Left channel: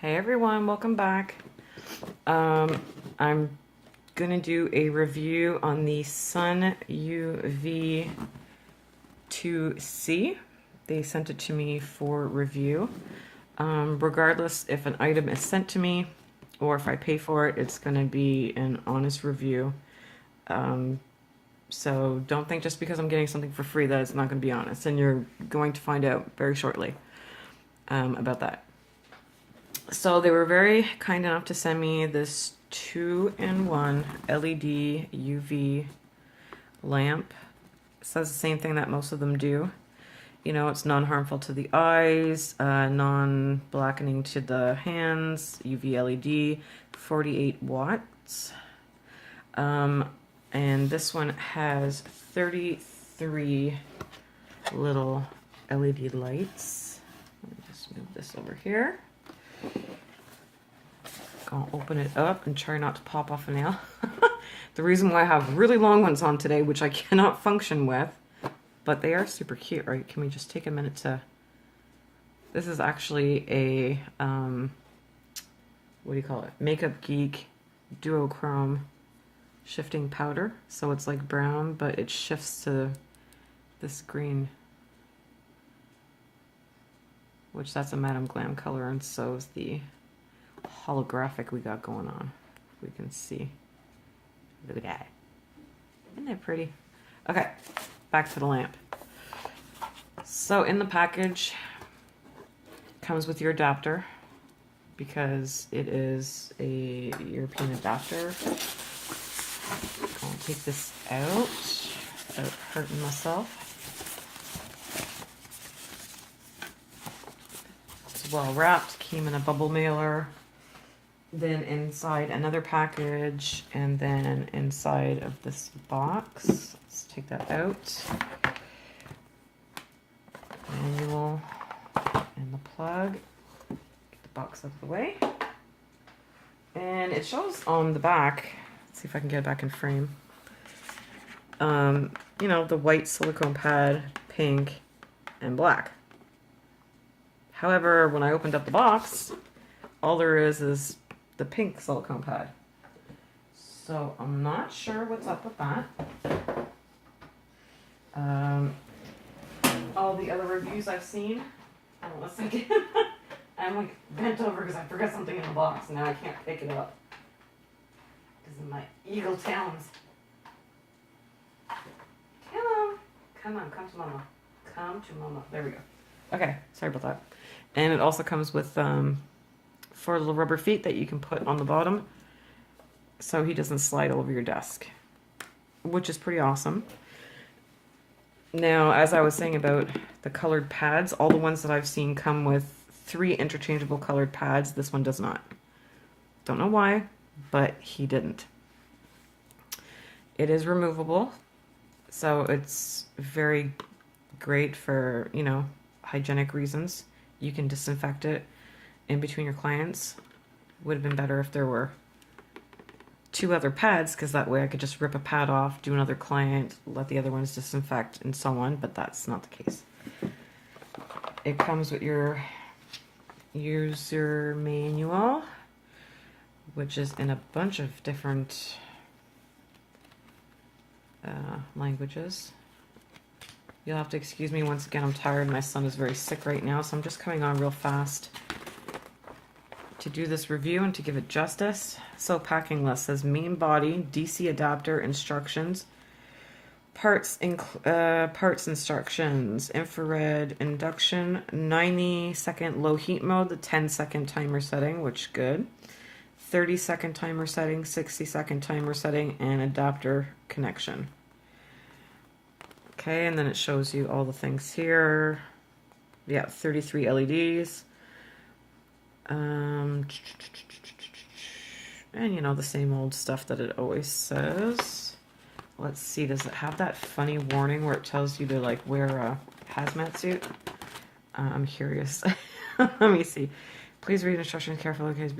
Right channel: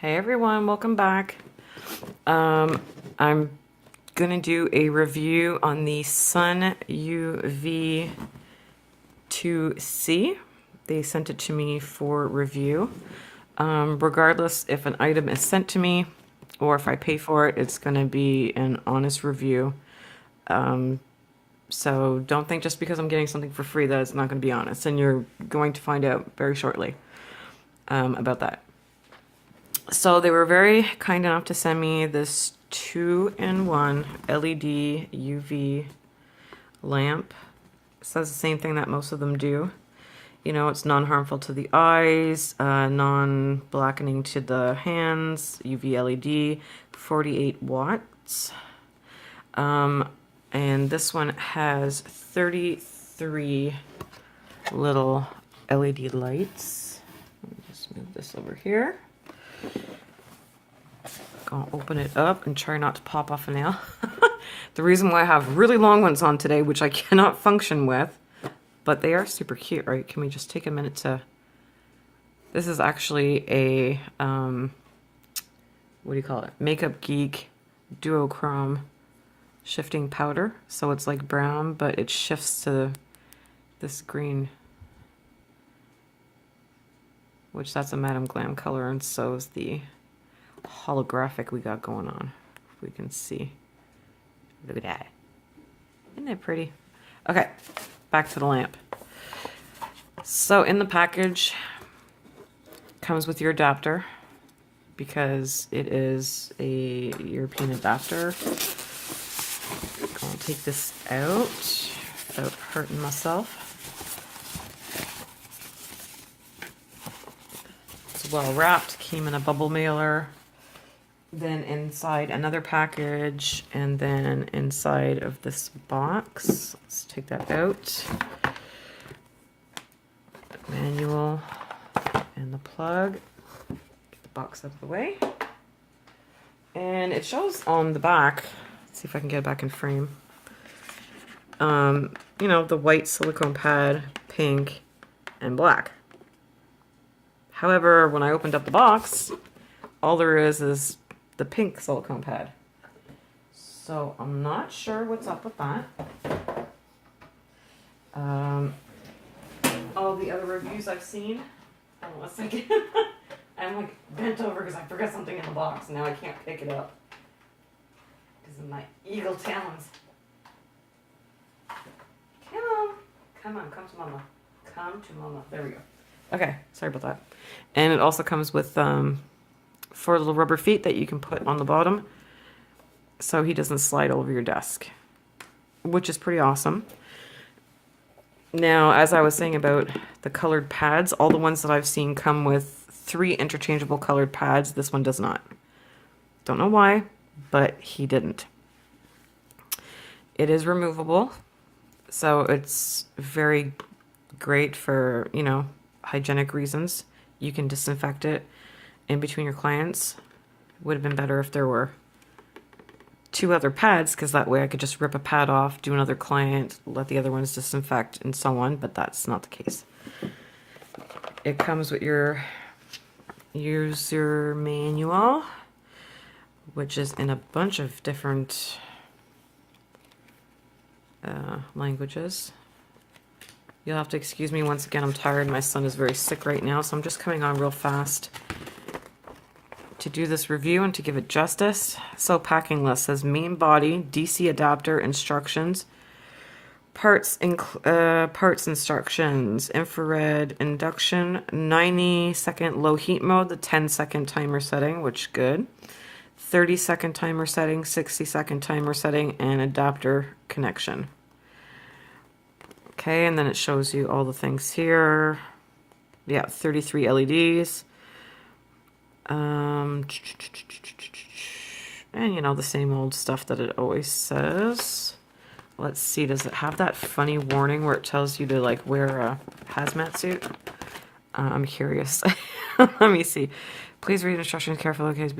Hey everyone, welcome back. I'm gonna do a review on the Sun UV2C. They sent it to me for review. Regardless if an item is sent to me or if I pay for it, it's gonna be an honest review. So don't think just because I'm getting something for free that it's not gonna be honest, and you're going to find out very shortly about that. So they were very kind enough to send me this 2-in-1 LED UV lamp. It says the same thing that most of them do. You know, it's non-harmful to the eyes, non-blackening to the hands, UV LED, 48 watts. And this one has 33 little LED lights. Let me just move this over here. Gonna open it up and try not to pop off a nail. The reason why I have really long ones on today, which I cannot function with, but they are super cute, right? Can we just take a minute to... This is actually a, what do you call it? Makeup Geek duochrome shifting powder. So it's like brown, but it shifts to this green, which that's a Madame Glam color, and so is the holographic we got going on. If we can see. Look at that. Isn't that pretty? Okay, back to the lamp. So in the package, comes with your adapter because it is a European adapter. I'll take this out without hurting myself. It's well wrapped, came in a bubble mailer. Then inside another package, and then inside of this box. Let's take that out. Manual and the plug. Get the box out of the way. And it shows on the back, let's see if I can get it back in frame. You know, the white silicone pad, pink, and black. However, when I opened up the box, all there is the pink silicone pad. So I'm not sure what's up with that. All the other reviews I've seen, hold on a second. I'm like bent over because I forgot something in the box. Now I can't pick it up because of my eagle talons. Come on, come to mama. Come to mama. There we go. Okay, sorry about that. And it also comes with 4 little rubber feet that you can put on the bottom so he doesn't slide over your desk, which is pretty awesome. Now, as I was saying about the colored pads, all the ones that I've seen come with 3 interchangeable colored pads. This one does not. Don't know why, but he didn't. It is removable, so it's very great for, you know, hygienic reasons. You can disinfect it in between your clients. Would have been better if there were 2 other pads, because that way I could just rip a pad off, do another client, let the other ones disinfect, and so on, but that's not the case. It comes with your user manual, which is in a bunch of different languages. You'll have to excuse me once again, I'm tired. My son is very sick right now, so I'm just coming on real fast to do this review and to give it justice. So packing list says main body, DC adapter instructions, parts instructions, infrared induction, 90-second low heat mode, the 10-second timer setting, which good, 30-second timer setting, 60-second timer setting, and adapter connection. Okay, and then it shows you all the things here. Yeah, 33 LEDs. And you know, the same old stuff that it always says. Let's see, does it have that funny warning where it tells you to like wear a hazmat suit? I'm curious. Let me see. Please read instructions carefully. Okay,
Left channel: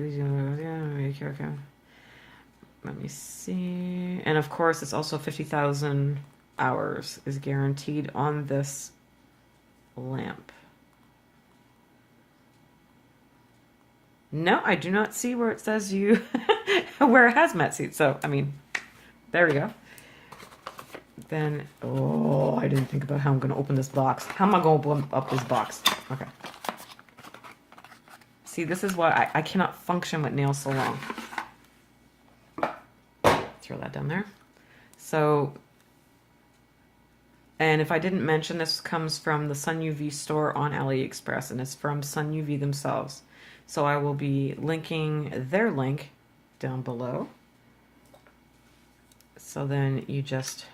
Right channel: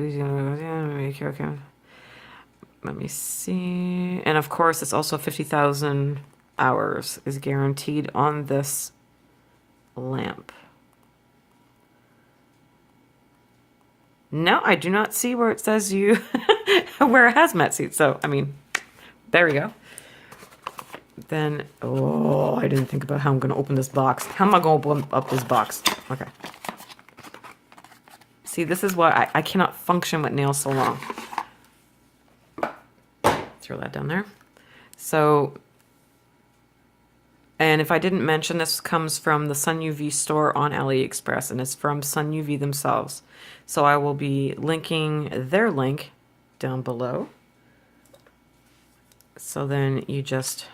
let me see. And of course, it's also 50,000 hours is guaranteed on this lamp. No, I do not see where it says you wear a hazmat suit. So, I mean, there we go. Then, oh, I didn't think about how I'm going to open this box. How am I going to open up this box? Okay. See, this is why I cannot function with nails so long. Throw that down there. So, and if I didn't mention, this comes from the Sun UV store on AliExpress, and it's from Sun UV themselves. So I will be linking their link down below. So then you just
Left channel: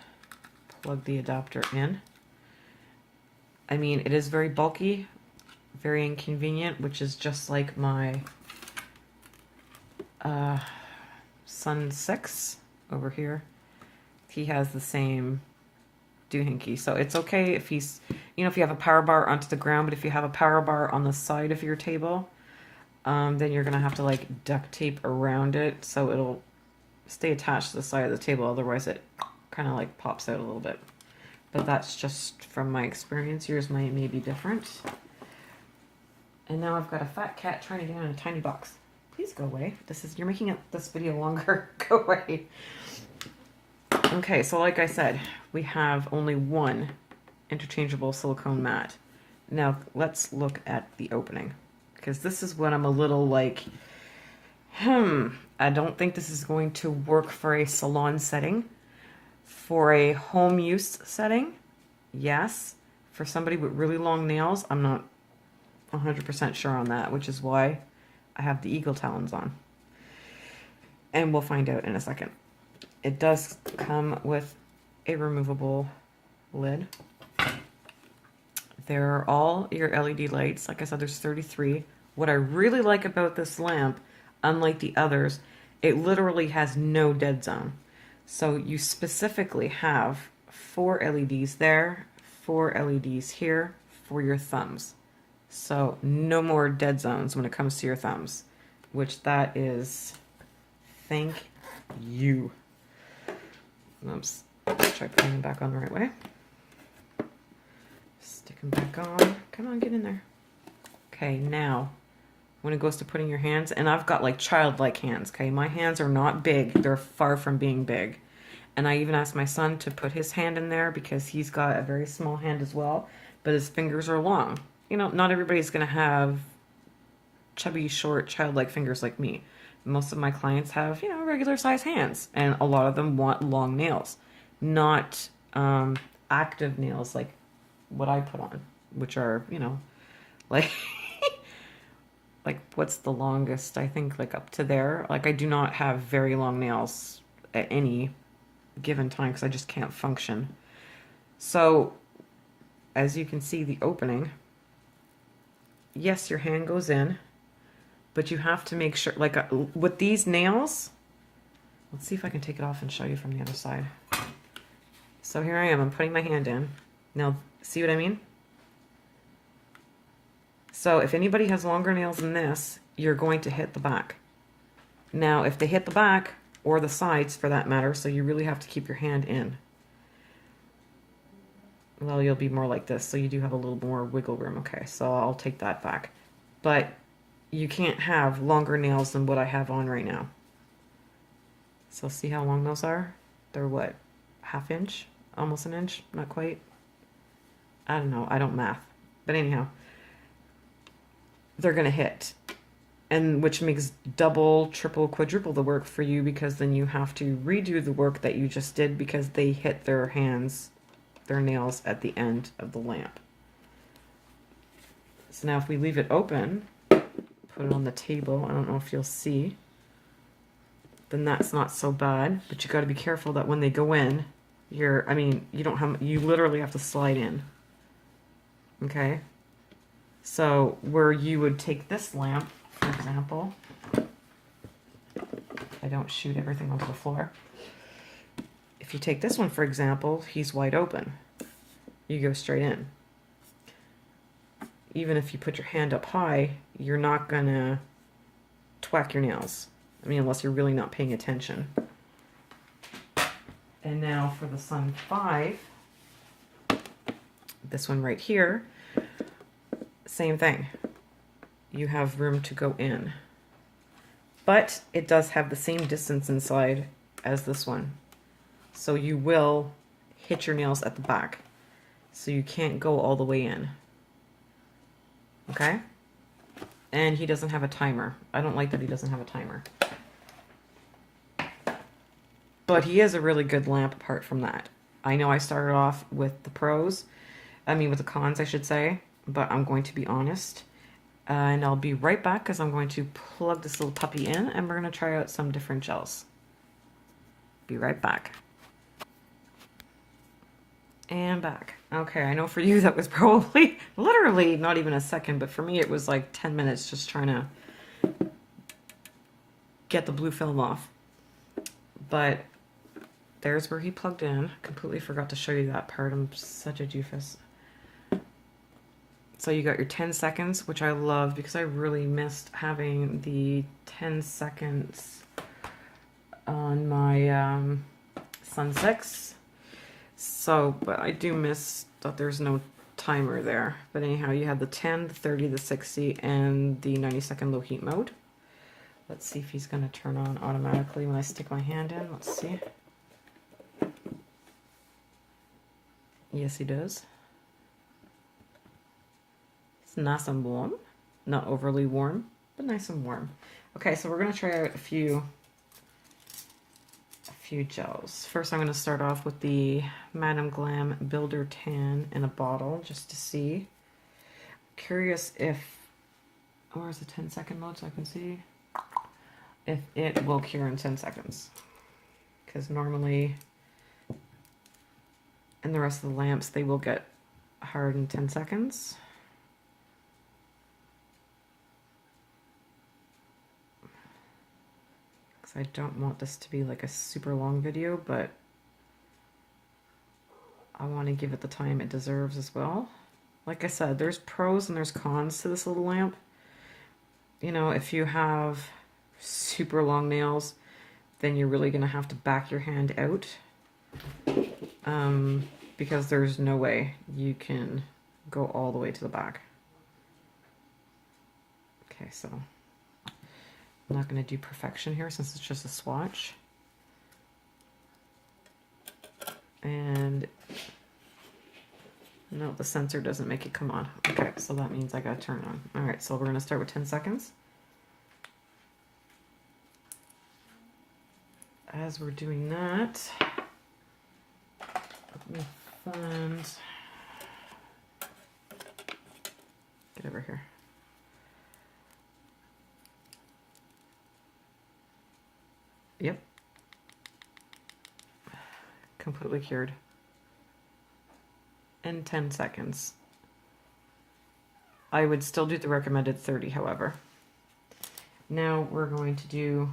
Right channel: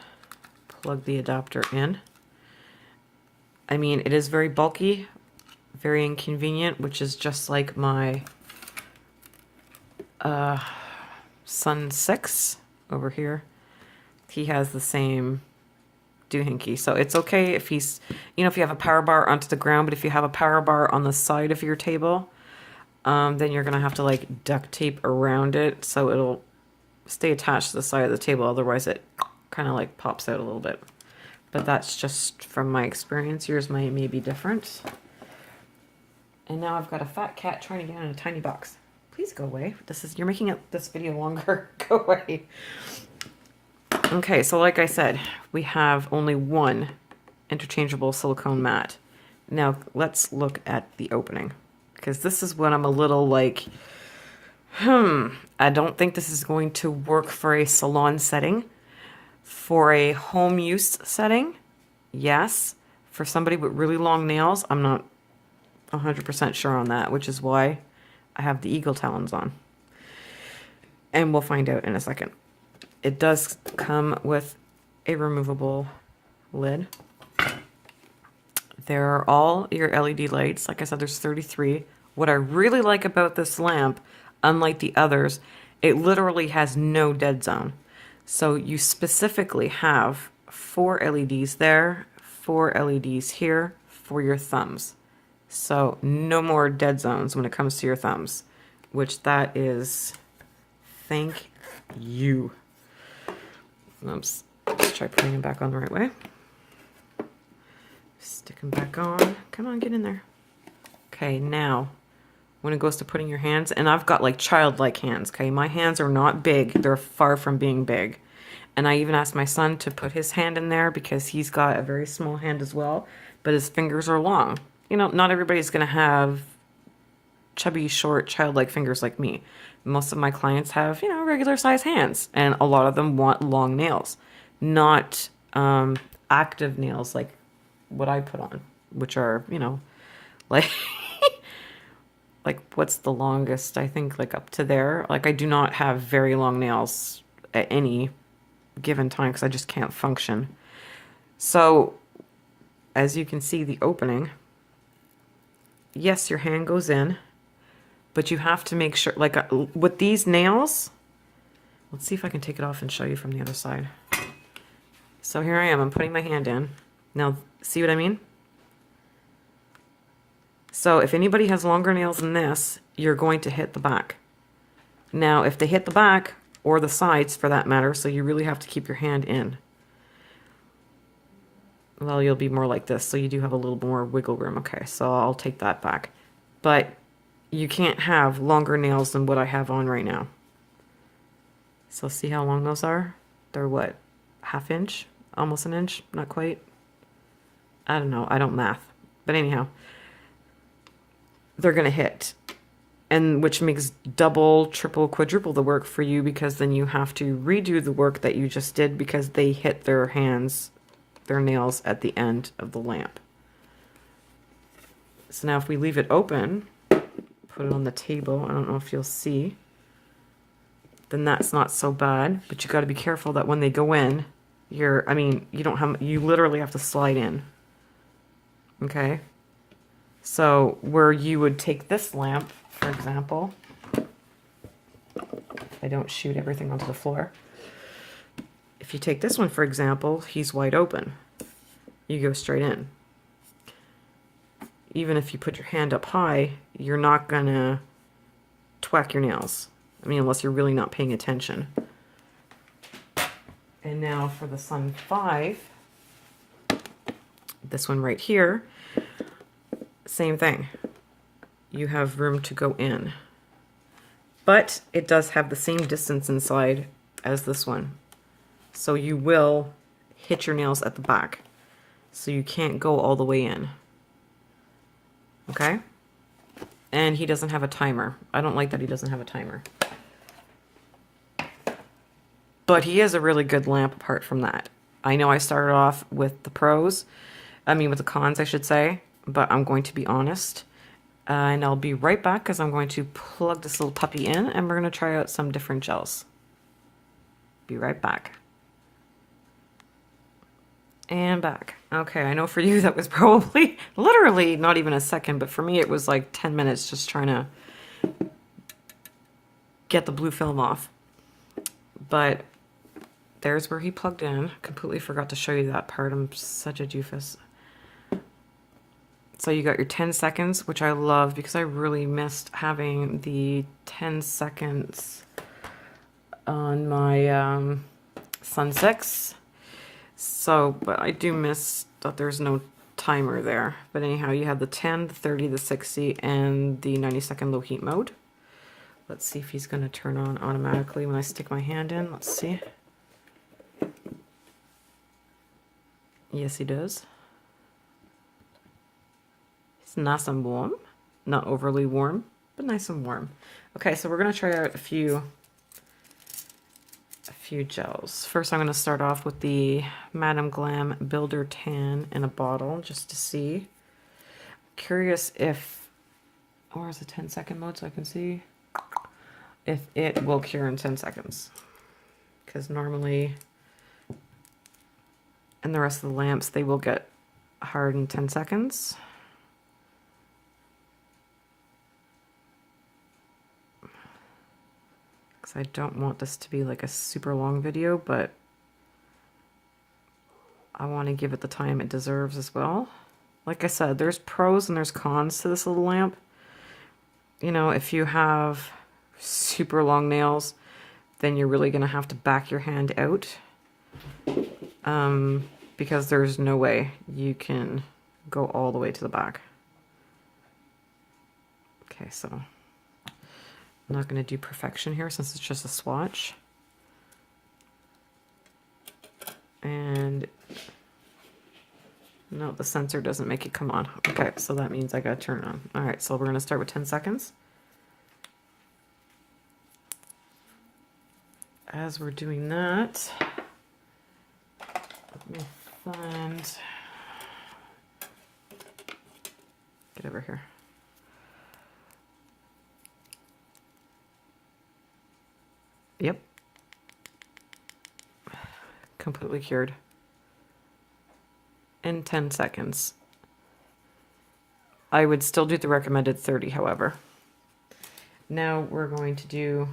plug the adapter in. I mean, it is very bulky, very inconvenient, which is just like my Sun 6 over here. He has the same doohickey. So it's okay if he's, you know, if you have a power bar onto the ground, but if you have a power bar on the side of your table, then you're going to have to like duct tape around it so it'll stay attached to the side of the table. Otherwise it kind of like pops out a little bit. But that's just from my experience. Yours may be different. And now I've got a fat cat trying to get in a tiny box. Please go away. You're making this video longer. Go away. Okay, so like I said, we have only one interchangeable silicone mat. Now let's look at the opening, because this is what I'm a little like, I don't think this is going to work for a salon setting. For a home use setting, yes. For somebody with really long nails, I'm not 100% sure on that, which is why I have the eagle talons on. And we'll find out in a second. It does come with a removable lid. There are all your LED lights. Like I said, there's 33. What I really like about this lamp, unlike the others, it literally has no dead zone. So you specifically have 4 LEDs there, 4 LEDs here for your thumbs. So no more dead zones when it comes to your thumbs, which that is, thank you. Oops. Let's try putting them back on the right way. Stick them back on. Come on, get in there. Okay, now when it goes to putting your hands, and I've got like childlike hands, okay? My hands are not big. They're far from being big. And I even asked my son to put his hand in there because he's got a very small hand as well, but his fingers are long. You know, not everybody's going to have chubby, short, childlike fingers like me. Most of my clients have, you know, regular size hands, and a lot of them want long nails, not active nails like what I put on, which are, you know, like, like what's the longest? I think like up to there. Like I do not have very long nails at any given time because I just can't function. So as you can see, the opening, yes, your hand goes in, but you have to make sure, like with these nails, let's see if I can take it off and show you from the other side. So here I am, I'm putting my hand in. Now, see what I mean? So if anybody has longer nails than this, you're going to hit the back. Now, if they hit the back, or the sides for that matter, so you really have to keep your hand in, well, you'll be more like this, so you do have a little more wiggle room. Okay, so I'll take that back. But you can't have longer nails than what I have on right now. So see how long those are? They're what, ½ inch? Almost an inch? Not quite? I don't know, I don't math. But anyhow, they're gonna hit. And which makes double, triple, quadruple the work for you, because then you have to redo the work that you just did because they hit their hands, their nails at the end of the lamp. So now if we leave it open, put it on the table, I don't know if you'll see, then that's not so bad, but you got to be careful that when they go in, you literally have to slide in. Okay? So where you would take this lamp, for example, I don't shoot everything onto the floor. If you take this one, for example, he's wide open. You go straight in. Even if you put your hand up high, you're not gonna twack your nails. I mean, unless you're really not paying attention. And now for the Sun 5, this one right here, same thing. You have room to go in. But it does have the same distance inside as this one. So you will hit your nails at the back. So you can't go all the way in. Okay? And he doesn't have a timer. I don't like that he doesn't have a timer. But he is a really good lamp apart from that. I know I started off with the with the cons, I should say, but I'm going to be honest. And I'll be right back because I'm going to plug this little puppy in and we're going to try out some different gels. Be right back. And back. Okay, I know for you that was probably literally not even a second, but for me it was like 10 minutes just trying to get the blue film off. But there's where he plugged in. Completely forgot to show you that part. I'm such a doofus. So you got your 10 seconds, which I love because I really missed having the 10 seconds on my Sun 6. So, but I do miss that there's no timer there. But anyhow, you have the 10, the 30, the 60, and the 90-second low heat mode. Let's see if he's going to turn on automatically when I stick my hand in. Let's see. Yes, he does. It's nice and warm. Not overly warm, but nice and warm. Okay, so we're going to try out a few gels. First, I'm going to start off with the Madame Glam Builder Tan in a bottle, just to see. Curious if, where's the 10-second mode so I can see if it will cure in 10 seconds. Because normally, in the rest of the lamps, they will get hard in 10 seconds. I don't want this to be like a super long video, but I want to give it the time it deserves as well. Like I said, there's pros and there's cons to this little lamp. You know, if you have super long nails, then you're really going to have to back your hand out. Because there's no way you can go all the way to the back. Okay, so I'm not going to do perfection here since it's just a swatch. And no, the sensor doesn't make it come on. Okay, so that means I got to turn it on. All right, so we're going to start with 10 seconds. As we're doing that, let me find, get over here. Yep. Completely cured. In 10 seconds. I would still do the recommended 30, however. Now we're going to do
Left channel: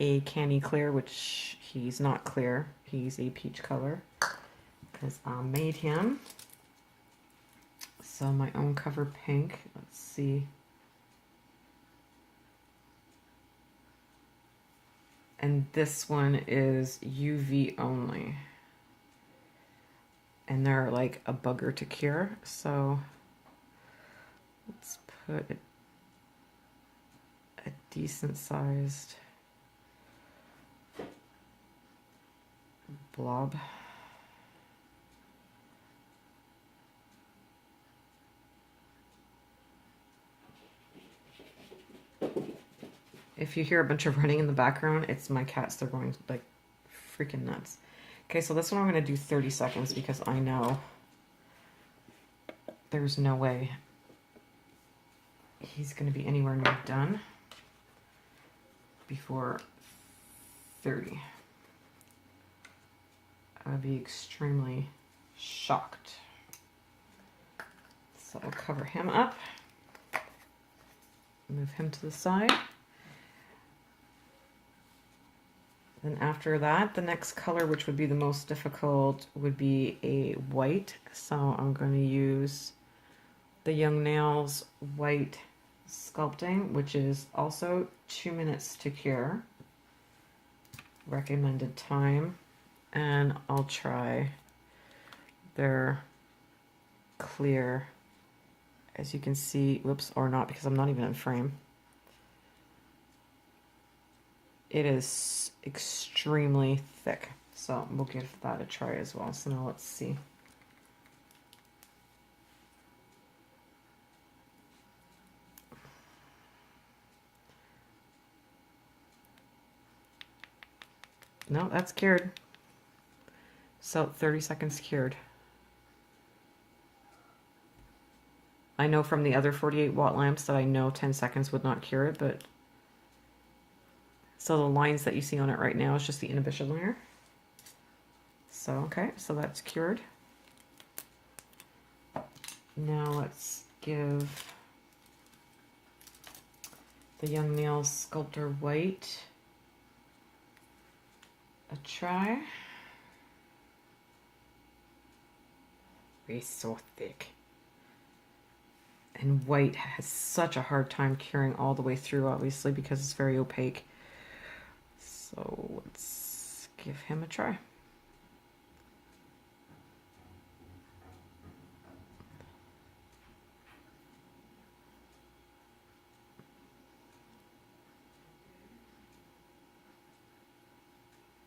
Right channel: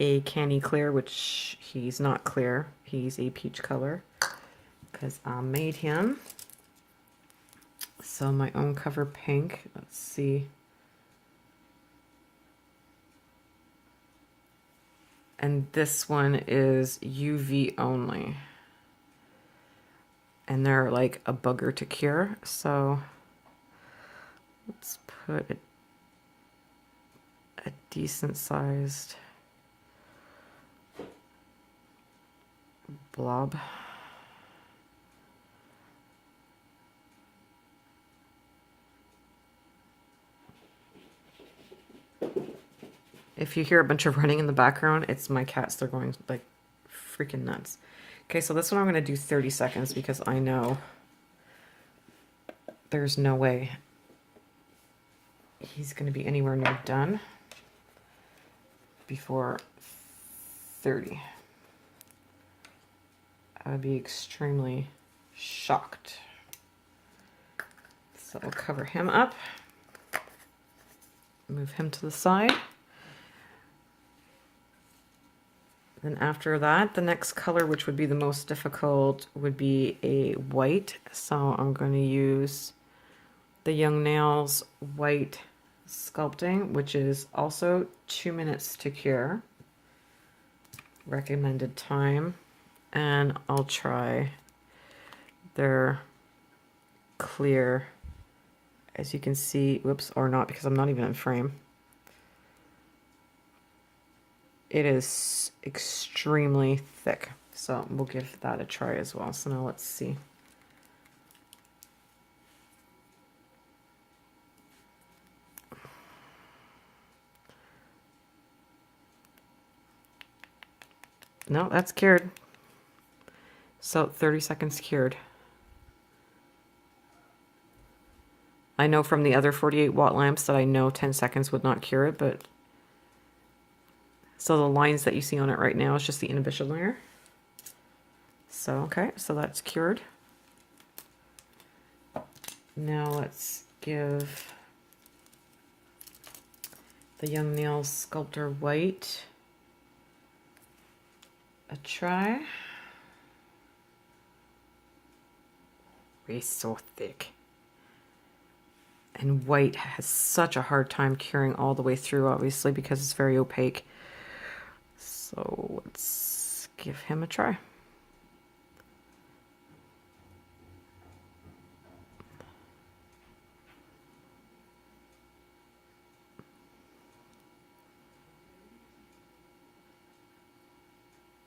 a candy clear, which he's not clear. He's a peach color because I made him. So my own cover pink. Let's see. And this one is UV only. And they're like a bugger to cure. So let's put a decent sized blob. If you hear a bunch of running in the background, it's my cats. They're going like freaking nuts. Okay, so this one I'm going to do 30 seconds because I know there's no way he's going to be anywhere near done before 30. I would be extremely shocked. So I'll cover him up, move him to the side. Then after that, the next color, which would be the most difficult, would be a white. So I'm going to use the Young Nails White Sculpting, which is also 2 minutes to cure. Recommended time. And I'll try their clear As you can see, whoops, or not, because I'm not even in frame. It is extremely thick. So we'll give that a try as well. So now let's see. No, that's cured. So 30 seconds cured. I know from the other 48 watt lamps that I know 10 seconds would not cure it, but so the lines that you see on it right now is just the inhibition layer. So, okay, so that's cured. Now let's give the Young Nails Sculptor White a try. It's so thick. And white has such a hard time curing all the way through, obviously, because it's very opaque. So let's give him a try.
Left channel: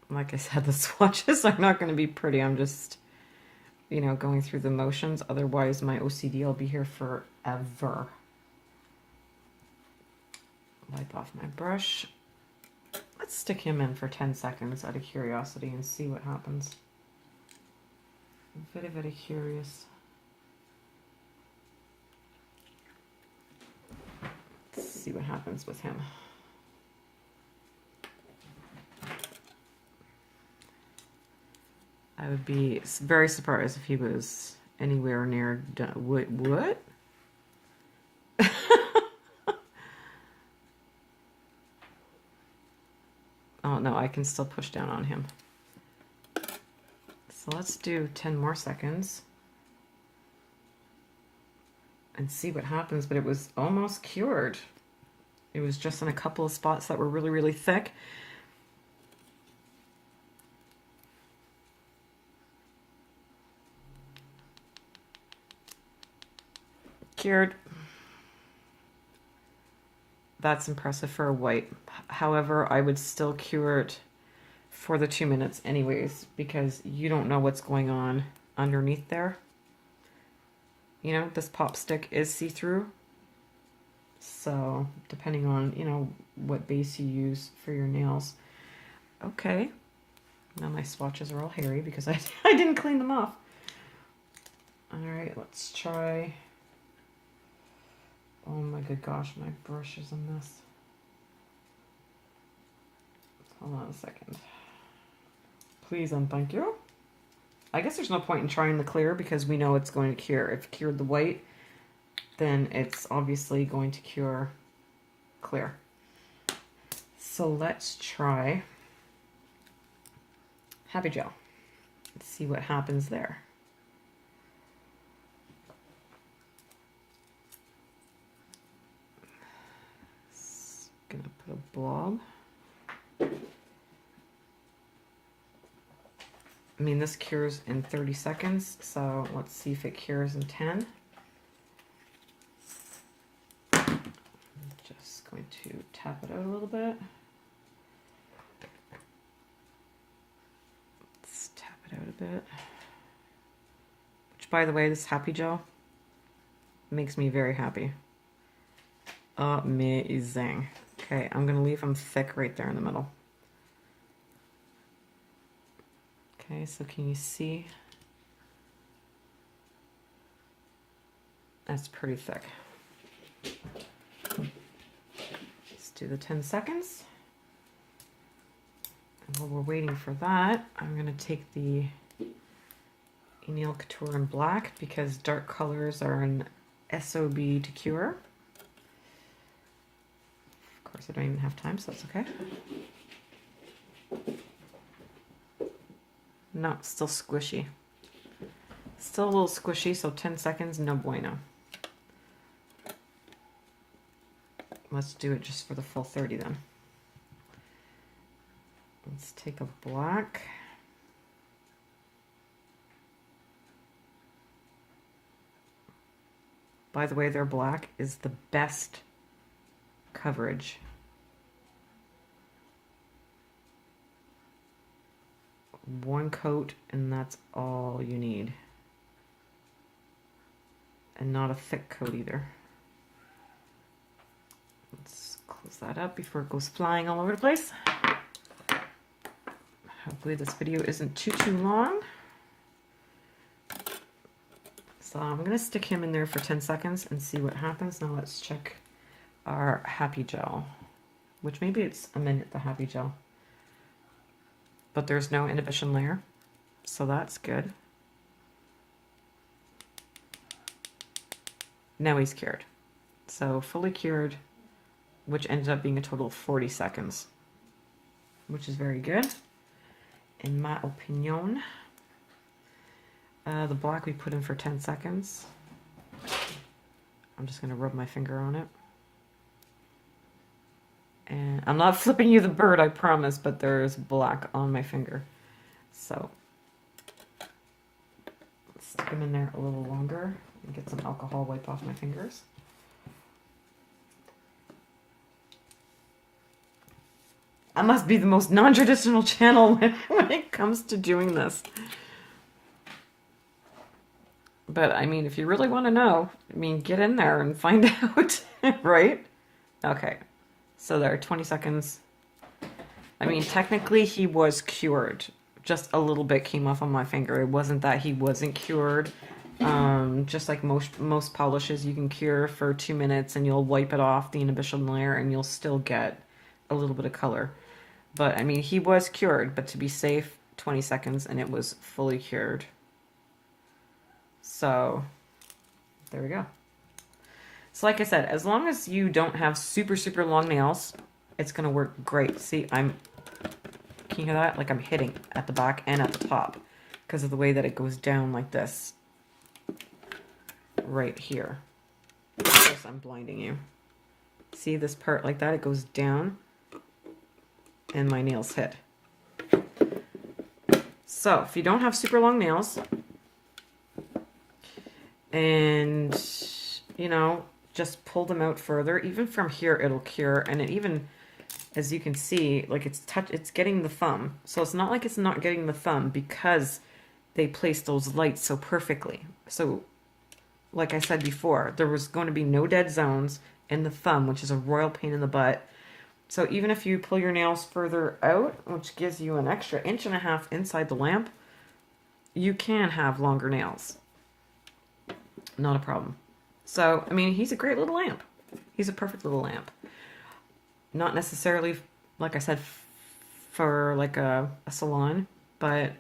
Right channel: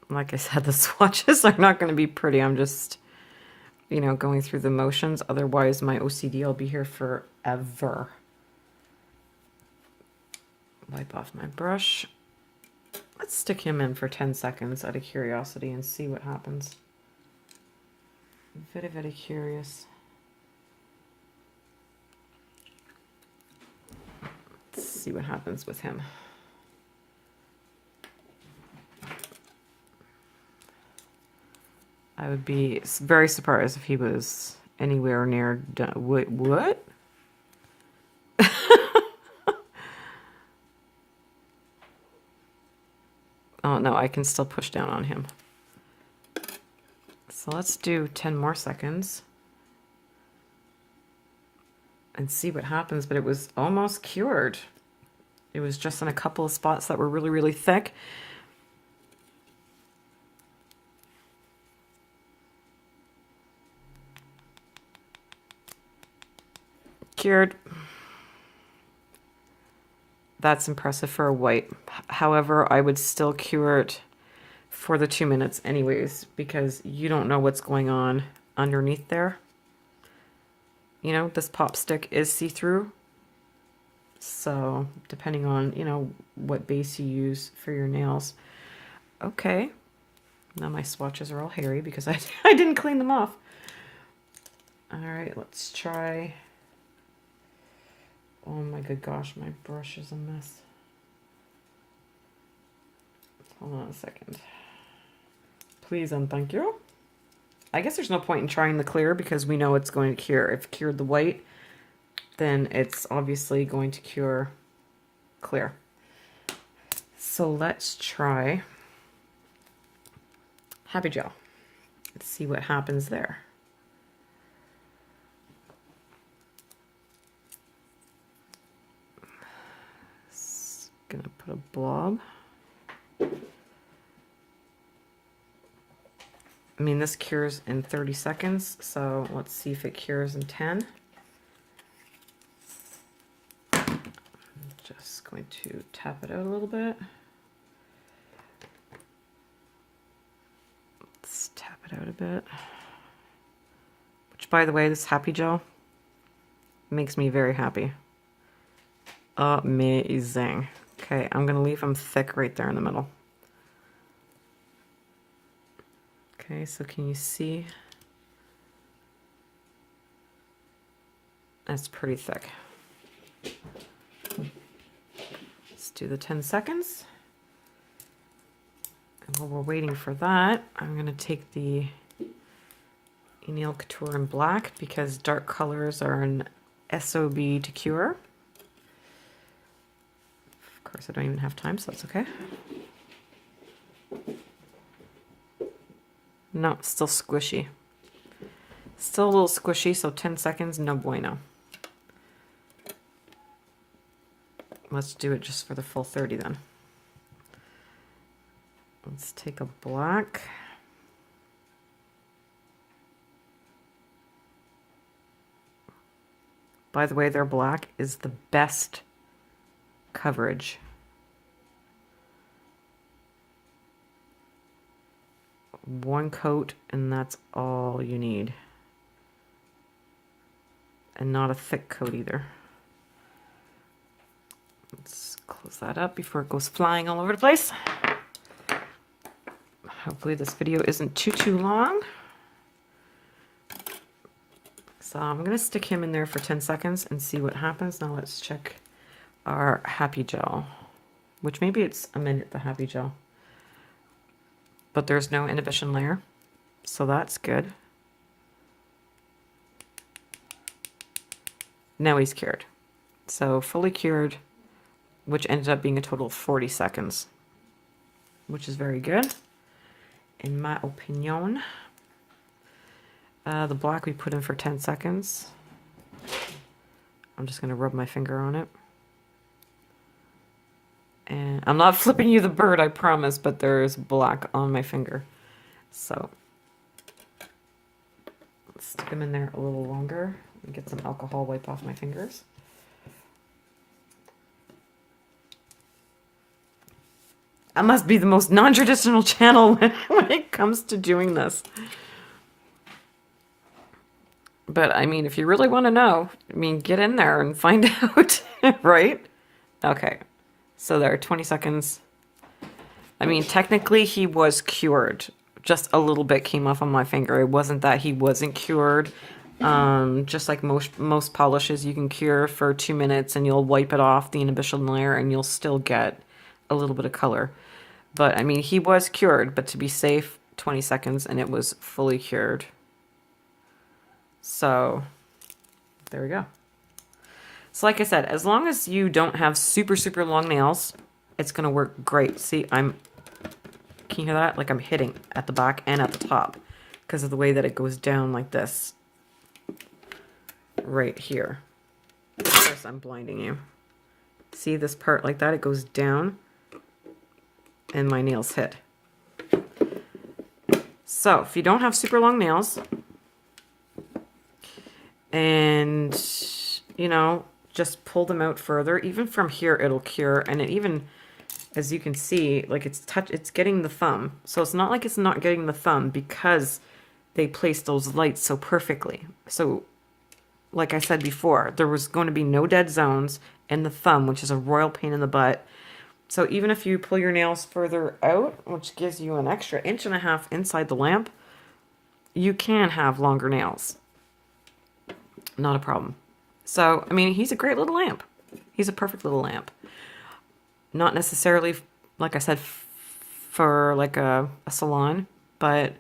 Like I said, the swatches are not going to be pretty. I'm just, you know, going through the motions. Otherwise, my OCD will be here forever. Wipe off my brush. Let's stick him in for 10 seconds out of curiosity and see what happens. I'm very, very curious. Let's see what happens with him. I would be very surprised if he was anywhere near done. What? Oh, no, I can still push down on him. So let's do 10 more seconds and see what happens, but it was almost cured. It was just in a couple of spots that were really, really thick. Cured. That's impressive for a white. However, I would still cure it for the 2 minutes anyways, because you don't know what's going on underneath there. You know, this pop stick is see-through. So depending on, you know, what base you use for your nails. Okay. Now my swatches are all hairy because I didn't clean them off. All right, let's try. Oh my good gosh, my brush is a mess. Hold on a second. Please and thank you. I guess there's no point in trying the clear because we know it's going to cure. If it cured the white, then it's obviously going to cure clear. So let's try Happy Gel. Let's see what happens there. Gonna put a blob. I mean, this cures in 30 seconds, so let's see if it cures in 10. I'm just going to tap it out a little bit. Let's tap it out a bit. Which, by the way, this Happy Gel makes me very happy. Amazing. Okay, I'm gonna leave them thick right there in the middle. Okay, so can you see? That's pretty thick. Let's do the 10 seconds. And while we're waiting for that, I'm gonna take the Nail Couture in black because dark colors are an SOB to cure. Of course, I don't even have time, so that's okay. No, still squishy. Still a little squishy, so 10 seconds, no bueno. Let's do it just for the full 30 then. Let's take a black. By the way, their black is the best coverage. One coat and that's all you need. And not a thick coat either. Let's close that up before it goes flying all over the place. Hopefully this video isn't too long. So I'm going to stick him in there for 10 seconds and see what happens. Now let's check our happy gel, which maybe it's a minute, the happy gel. But there's no inhibition layer, so that's good. Now he's cured. So fully cured, which ended up being a total of 40 seconds, which is very good, in my opinion. The black we put in for 10 seconds. I'm just going to rub my finger on it. And I'm not flipping you the bird, I promise, but there is black on my finger. So let's stick them in there a little longer and get some alcohol wipe off my fingers. I must be the most non-traditional channel when it comes to doing this. But, I mean, if you really want to know, I mean, get in there and find out, right? Okay. So there, 20 seconds. I mean, technically he was cured. Just a little bit came off on my finger. It wasn't that he wasn't cured. Just like most polishes, you can cure for 2 minutes and you'll wipe it off the inhibition layer and you'll still get a little bit of color. But, I mean, he was cured, but to be safe, 20 seconds and it was fully cured. So, there we go. So like I said, as long as you don't have super long nails, it's going to work great. See, can you hear that? Like I'm hitting at the back and at the top because of the way that it goes down like this. Right here. Of course, I'm blinding you. See this part like that? It goes down and my nails hit. So if you don't have super long nails and, you know, just pull them out further. Even from here, it'll cure. And it even, as you can see, like it's getting the thumb. So it's not like it's not getting the thumb because they placed those lights so perfectly. So, like I said before, there was going to be no dead zones in the thumb, which is a royal pain in the butt. So even if you pull your nails further out, which gives you an extra 1.5 inches inside the lamp, you can have longer nails. Not a problem. So, I mean, he's a great little lamp. He's a perfect little lamp. Not necessarily, like I said, for like a salon, but,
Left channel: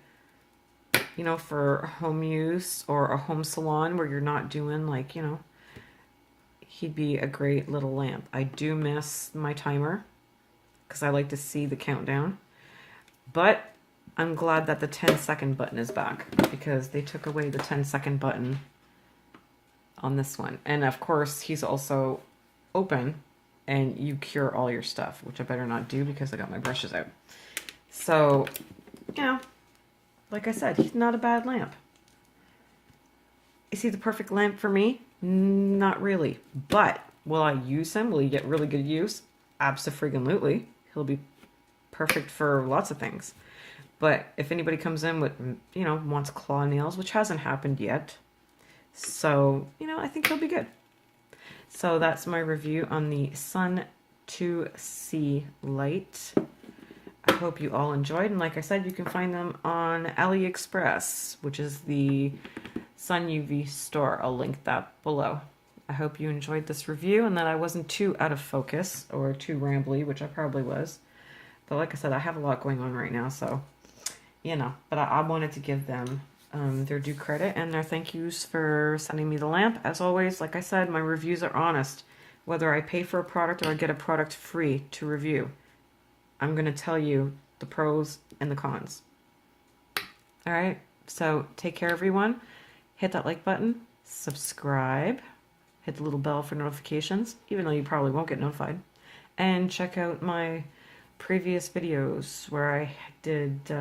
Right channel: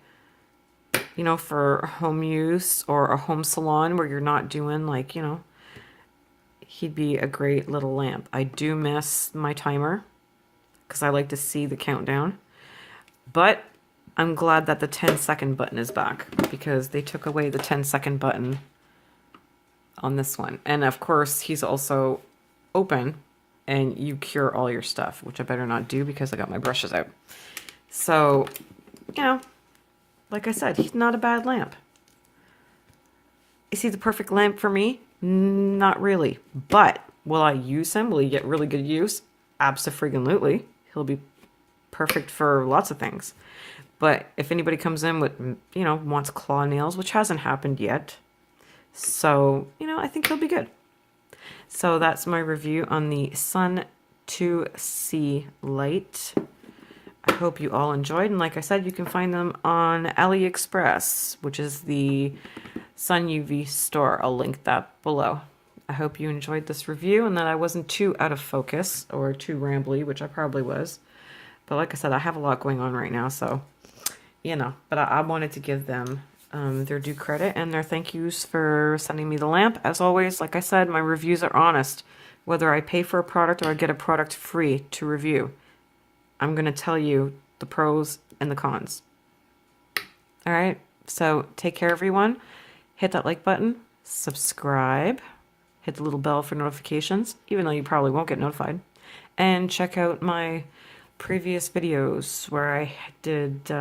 you know, for home use or a home salon where you're not doing like, you know, he'd be a great little lamp. I do miss my timer because I like to see the countdown. But I'm glad that the 10-second button is back because they took away the 10-second button on this one. And of course, he's also open and you cure all your stuff, which I better not do because I got my brushes out. So, you know, like I said, he's not a bad lamp. Is he the perfect lamp for me? Not really. But will I use him? Will he get really good use? Abso-freaking-lutely. He'll be perfect for lots of things. But if anybody comes in with, you know, wants claw nails, which hasn't happened yet, so, you know, I think he'll be good. So that's my review on the Sun 2C light. I hope you all enjoyed. And like I said, you can find them on AliExpress, which is the Sun UV store. I'll link that below. I hope you enjoyed this review and that I wasn't too out of focus or too rambly, which I probably was. But like I said, I have a lot going on right now, so, you know. But I wanted to give them their due credit and their thank yous for sending me the lamp. As always, like I said, my reviews are honest. Whether I pay for a product or I get a product free to review, I'm going to tell you the pros and the cons. All right, so take care, everyone. Hit that like button, subscribe, hit the little bell for notifications, even though you probably won't get notified. And check out my previous videos where I did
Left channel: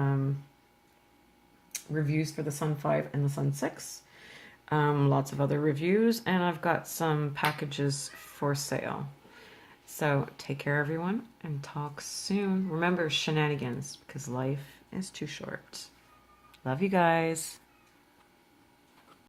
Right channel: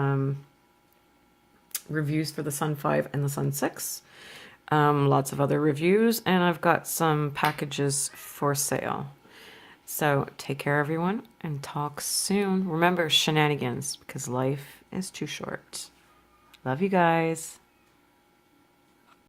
reviews for the Sun 5 and the Sun 6. lots of other reviews, and I've got some packages for sale. So take care, everyone, and talk soon. Remember, shenanigans, because life is too short. Love you guys.